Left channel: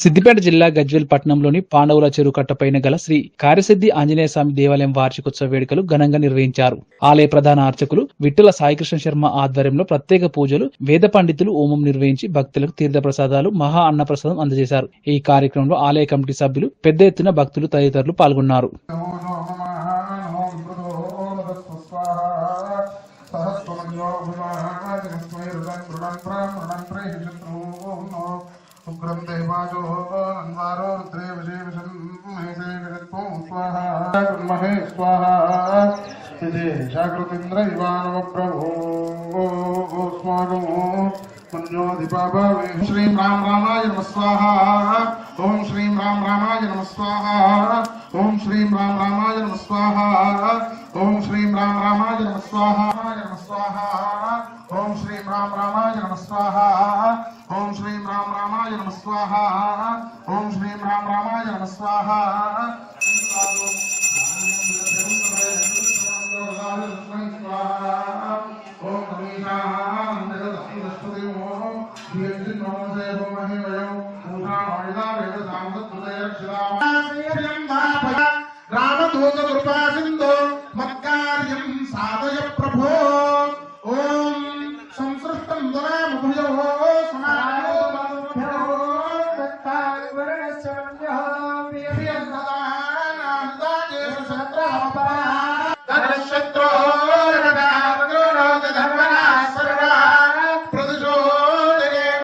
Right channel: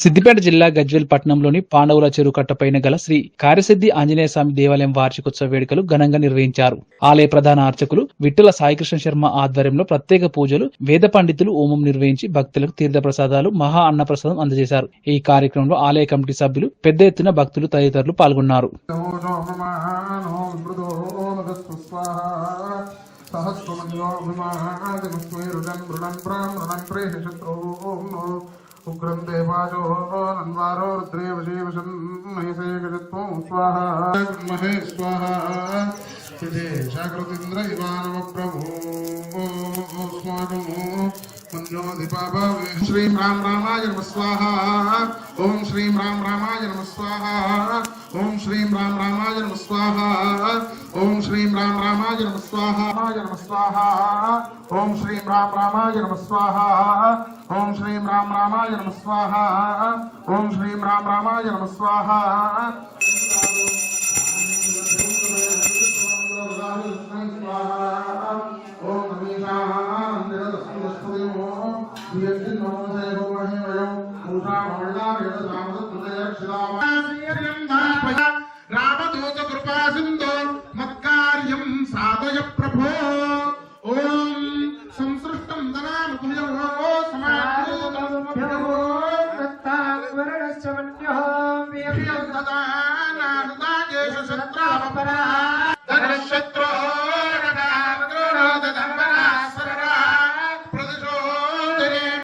సిద్దిపేట జిల్లా గజ్వేల్ పట్టణంలోని పాండవుల చెరువు కట్టపైన గల శ్రీ కార్యసిద్ధి ఆంజనేయ స్వామి దేవాలయం వార్షికోత్సవ వేడుకలు ఘనంగా నిర్వహించారు. ఆలయ ప్రధాన అర్చకులు విఠల సాయికృష్ణ శర్మ ఆధ్వర్యంలో ప్రత్యేక పూజలు, వేద పండితులు హోమం నిర్వహించి భక్తులకు తీర్థ ప్రసాదాలు, మహా అన్నప్రసాదం అందజేశారు. ఈ కార్యక్రమంలో ఆలయ కమిటీ సభ్యులు, పెద్ద ఎత్తున భక్తులు తదితరులు పాల్గొన్నారు. उग्रं देवाजो अन्वारो रुद्रे वशे वशन् महेशे गजत्वं स्वाहा महे स्वाहा यदे शाकृतीन्द्र इवानव प्रभो स्वागो मन्योधिपाभवे श्रीं राम रामाय नमः स्वाहा ओम श्रीं राम रामाय नमः स्वाहा ओम श्रीं राम रामाय नमः स्वाहा ओम श्रीं राम रामाय नमः स्वाहा ओम श्रीं राम रामाय नमः स्वाहा ओम श्रीं राम रामाय नमः स्वाहा ओम श्रीं राम रामाय नमः स्वाहा ओम रामदूत कृपा सिंधु मत्कार्यं साधय प्रभो ओम संसृष्टं दनामभयो समानोभयो दत्तावर्णस्य वन्यः प्रियं ददानानुदायेषु शत्रमपरा